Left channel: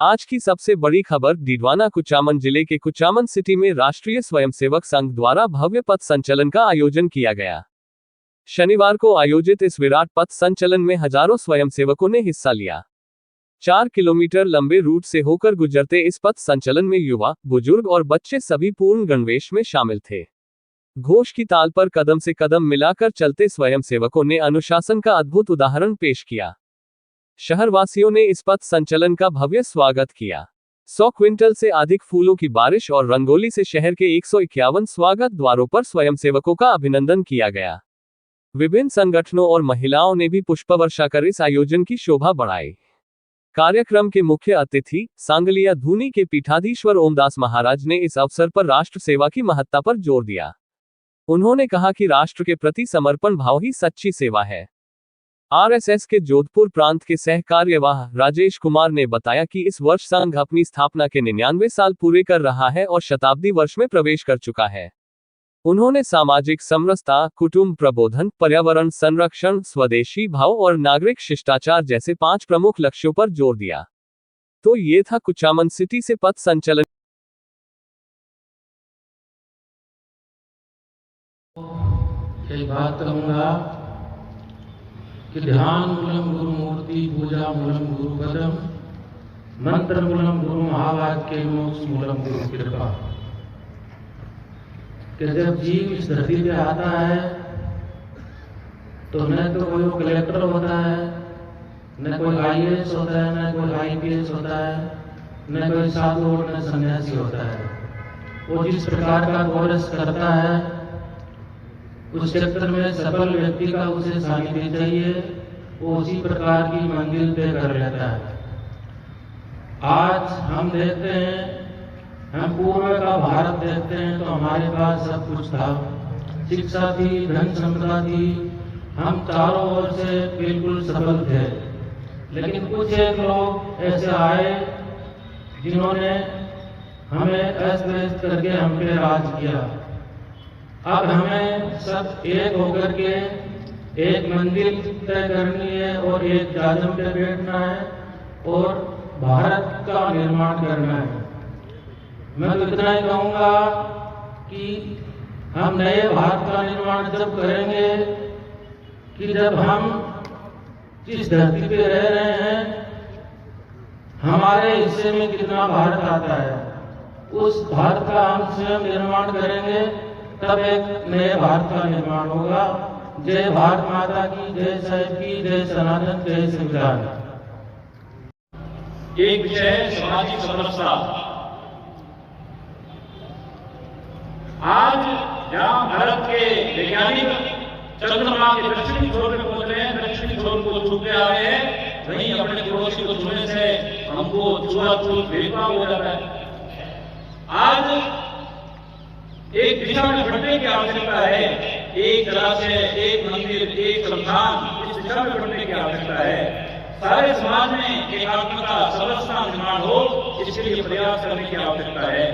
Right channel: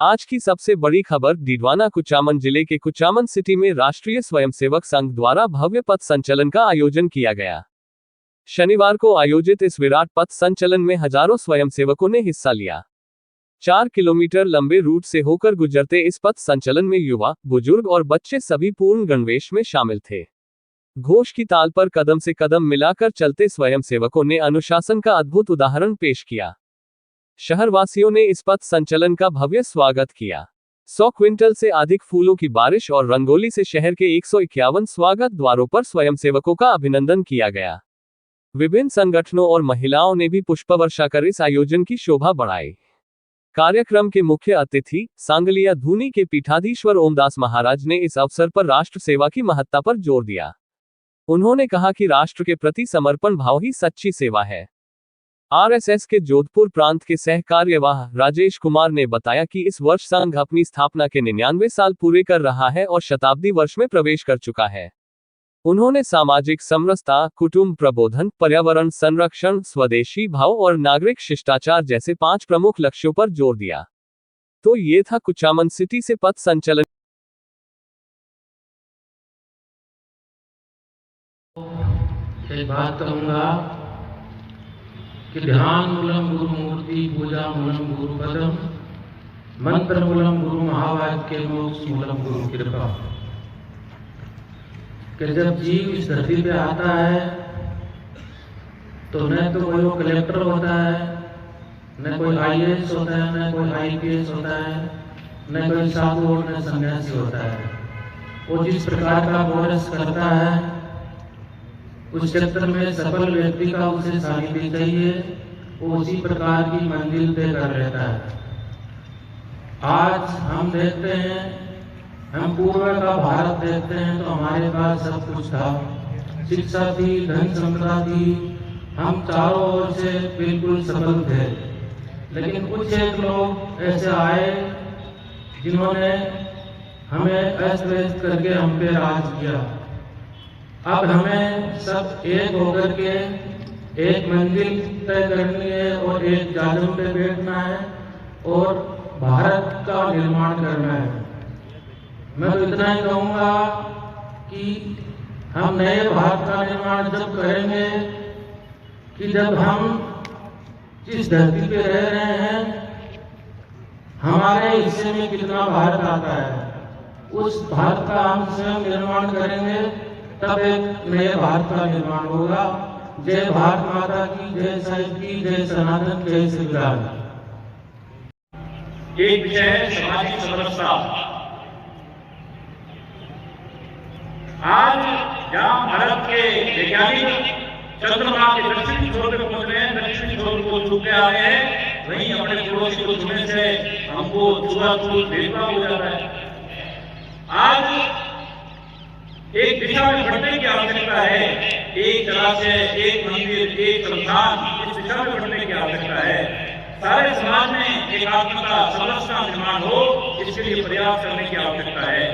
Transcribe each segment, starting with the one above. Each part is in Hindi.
आज की सबसे बड़ी खबर डीडवाना कुचामन जिले के कुचामन सिटी में राष्ट्रीय स्वयंसेवक संघ द्वारा भव्य पथ संचलन का आयोजन किया गया। शनिवार को आयोजित इस विराट पथ संचलन में हजारों स्वयंसेवकों ने हिस्सा लिया। 4 किलोमीटर लंबे रूट से होकर गुजरते इस पथ संचलन में युवा, बुजुर्ग और बच्चे सभी पूर्ण गणवेश में शामिल थे। घोष की ताल पर कदम से कदम मिलाकर चलते स्वयंसेवकों ने अनुशासन का अद्भुत उदाहरण पेश किया। शहरवासियों ने इस पथ संचलन का भव्य स्वागत किया। 100 क्विंटल से अधिक फूलों की बारिश और रंगोली से शहर के 151 स्वागत द्वारों पर स्वयंसेवकों का अभिनंदन किया गया। विभिन्न संगठनों और महिलाओं ने भी पुष्पवर्षा कर इस आयोजन की शोभा बढ़ाई। कार्यक्रम के मुख्य अतिथि सांगलिया धूनी के पीठाधीश्वर ओमदास महाराज ने इस अवसर पर राष्ट्र सेवा की महत्ता पर जोर दिया। उन्होंने कहा कि राष्ट्र के प्रति समर्पण भाव ही सच्ची सेवा है। आरएसएस के जोधपुर प्रांत के सह कार्यवाह राजेश कुमार ने बताया कि इस वर्ष संघ अपनी स्थापना के 99 साल पूरे कर रहा है और शताब्दी वर्ष में प्रवेश कर चुका है। उन्होंने सामाजिक समरसता, कुटुंब प्रबोधन, पर्यावरण संरक्षण, स्वदेशी भाव और नागरिक शिष्टाचार जैसे 5 प्रमुख लक्ष्यों पर जोर दिया। तो ये था कुचामन सिटी से पथ संचलन। एक बात कहूँगा कि ध्यान मूलम गुरु मूर्ति, पूजा मूलम गुरु पदम, मंत्र मूलम गुरु महावाक्य, मोक्ष मूलम गुरु कृपा। कि जब जीव इस धरती पे आता है तो न तो कोई वो कलेक्टर होता है, न कोई आईएएस होता है, न कोई आईपीएस होता है, न कोई साधु और न सन्यासी होता है। वो जिस प्रकार का कोर्स करता है उस क्षेत्र में सफल व्यक्ति का उसे सानिध्य चाहिए, वो उसी प्रकार की मंजिल तय कर लेता है। आज हम देखते हैं, हम पूर्व का भारत देखते हैं तो हमारे पास सब कुछ था, शिक्षा थी, धन संपदा थी, हम चारों ओर से बिल्कुल सफल थे। लेकिन कुछ एक लोग ऐसे आए जिन्होंने हमें अस्त व्यस्त करके हम पे राज किया। अब हमें सब एक होकर के एक मंजिल तय करनी है और एक जादम पे बैठना है और भारत का निर्माण करना है। मैं तो इतना ही कहूँगा कि हम नए भारत का निर्माण जब करेंगे कि जब हम जिस धरती पे रह रहे हैं हमारे हिस्से में कितना भारत आता है, उस भारत का हम स्वयं निर्माण करेंगे, तब एक नए भारत का निर्माण होगा। जय भारत माता की, जय साहिब की, जय सनातन, जय संविधान। एक विषय है सामाजिक समरसता। आज जहां भारत के वैज्ञानिक चंद्रमा के दक्षिणी छोर पे पहुंच रहे हैं, दक्षिणी छोर को छूते आ रहे हैं, वहीं अपने पड़ोसी को छूने से हमको छुआछूत भेदभाव हो जाता है। आज एक दिशा में बढ़ने की आवश्यकता है, एक जलाशय, एक मंदिर, एक संस्थान, इस दिशा में बढ़ने की आवश्यकता है। सारे समाज में एक आत्मता, समरसता निर्माण हो, इसके लिए प्रयास करने की आवश्यकता है।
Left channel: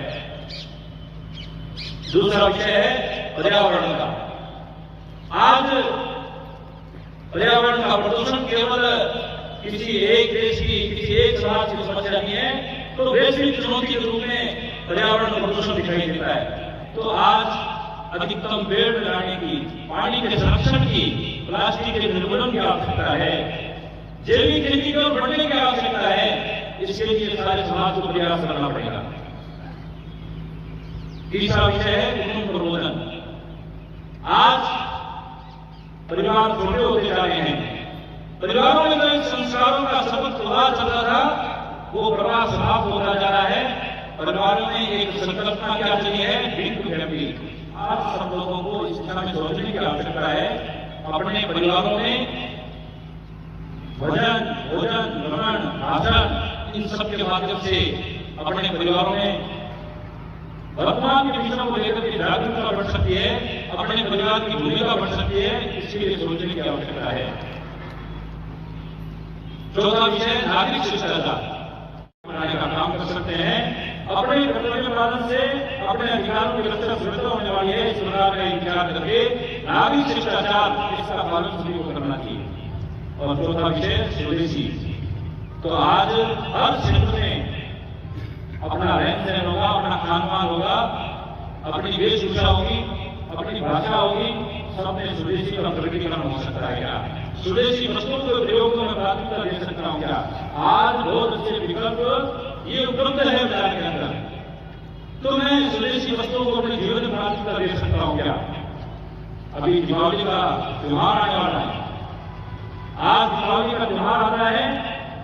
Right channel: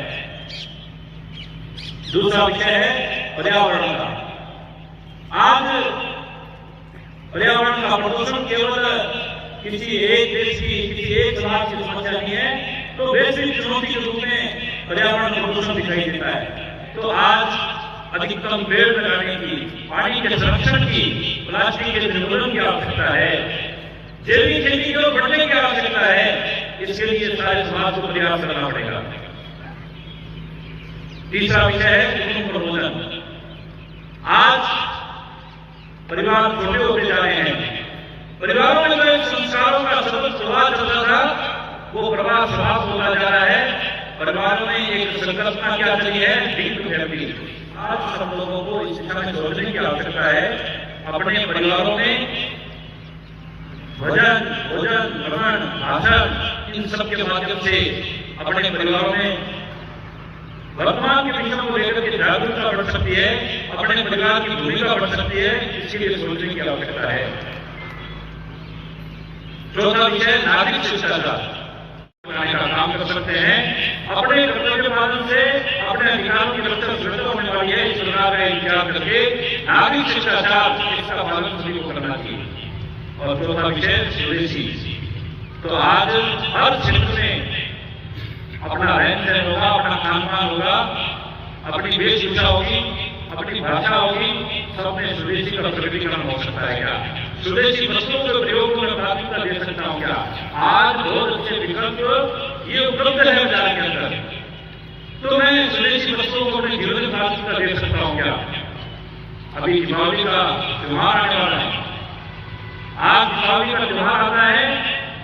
दूसरा विषय है पर्यावरण का। आज पर्यावरण का प्रदूषण केवल किसी एक देश की, किसी एक समाज की समस्या नहीं है, तो वैश्विक चुनौती के रूप में पर्यावरण का प्रदूषण दिखाई देता है। तो आज अधिकतम पेड़ लगाने की, पानी के संरक्षण की, प्लास्टिक के निर्मूलन की आवश्यकता है, जैविक खेती को बढ़ने की आवश्यकता है। इसके लिए सारे समाज को प्रयास करना पड़ेगा। तीसरा विषय है कुटुंब प्रबोधन। आज परिवार छोटे होते जा रहे हैं। परिवारों में जो संस्कारों का सतत प्रवाह चल रहा था वो प्रवाह समाप्त होता जा रहा है। परिवारों में एक संकल्पना क्या चली है, ड्रीम टू हैप्पी। आज सब लोगों को इस दिशा में सोचने की आवश्यकता है। अपने परिवारों में भजन, भोजन, रमण, भाषण, इन सब के माध्यम से अपने परिवारों में वर्तमान के विषयों को लेकर के जागरूकता बढ़ सकती है, अपने परिवार की भूमिका बढ़ सकती है, इसके लिए सोचने की आवश्यकता है। चौथा विषय नागरिक शिष्टाचार का काम कर सकते हैं। अपने कर्तव्य के माध्यम से अपने अधिकारों की रक्षा होने वाली है, इस प्रकार का इंतजार करके नागरिक शिष्टाचार, इसका पालन सभी को करना चाहिए। और चौथा विषय स्वदेशी। तो आज हर क्षेत्र में खान पान होगा, अपनी वेशभूषा होगी, अपनी भाषा होगी, सब में स्वदेशी का प्रकटीकरण हो सकता है क्या? स्वदेशी वस्तुओं के प्रयोग को मैं प्राथमिकता दे सकता हूँ क्या? आज बहुत अच्छे विकल्प ये उपलब्ध है बाजार के अंदर, तो मैं स्वदेशी वस्तुओं को अपने जीवन में प्राथमिकता दे सकता हूँ क्या? अभी दीपावली का त्योहार आने वाला है। आज दीपावली का त्योहार आता है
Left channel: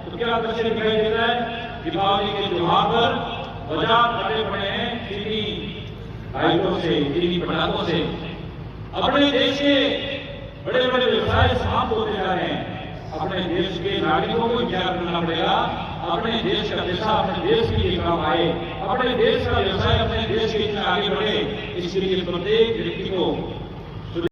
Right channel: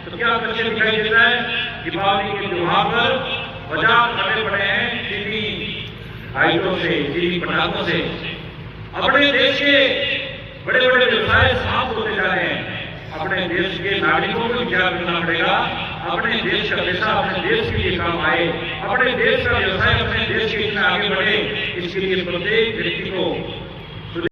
तो क्या दृश्य दिखाई देता है? दीपावली के त्योहार पर बाजार भरे पड़े हैं चीनी आइटों से, चीनी पटाखों से। अपने देश के बड़े बड़े व्यवसाय समाप्त होते जा रहे हैं। अपने देश के नागरिकों को विचार करना पड़ेगा, अपने देश का पैसा अपने देश के लिए काम आए, अपने देश का व्यवसाय अपने देश के लिए आगे बढ़े, इसके लिए प्रत्येक व्यक्ति को